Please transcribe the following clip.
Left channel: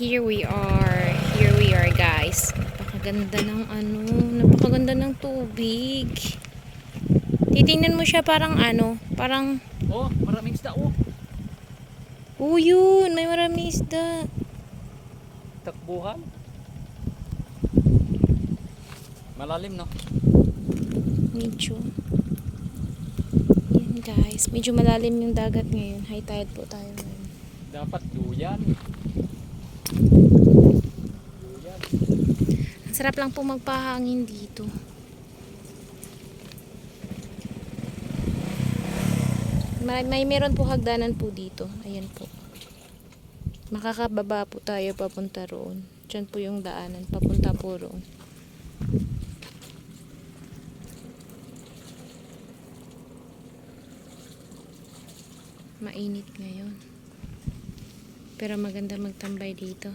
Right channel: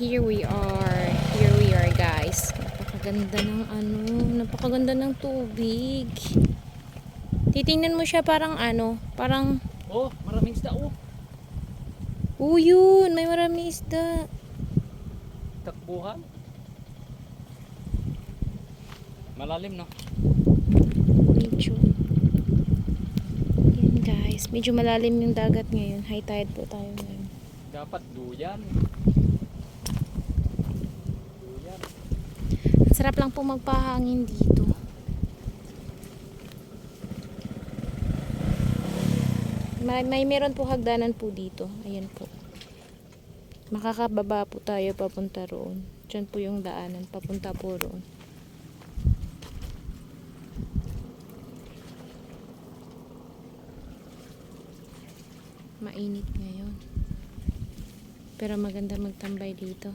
Here we are. Here we are, guys. Napakaganda ng napakaganda ng tubig. Titingnan mo siya parang parang Oh, maraming isda oh. oh, yun, may maraming isda. Takbuhan. Malalim no. Medyo. Yan, guys. Medyo malalim yung dagat ngayon. High tide po tayo ngayon. Dapat duyan. Duyan. Ang sarap lang po magpahangin dito. Meron po hagdanan po dito. Ayan po. Makakababa po tayo papunta roon. Diyan po yung daanan. Papunta po roon. Mainit ngayon. Pero maganda magtambay dito.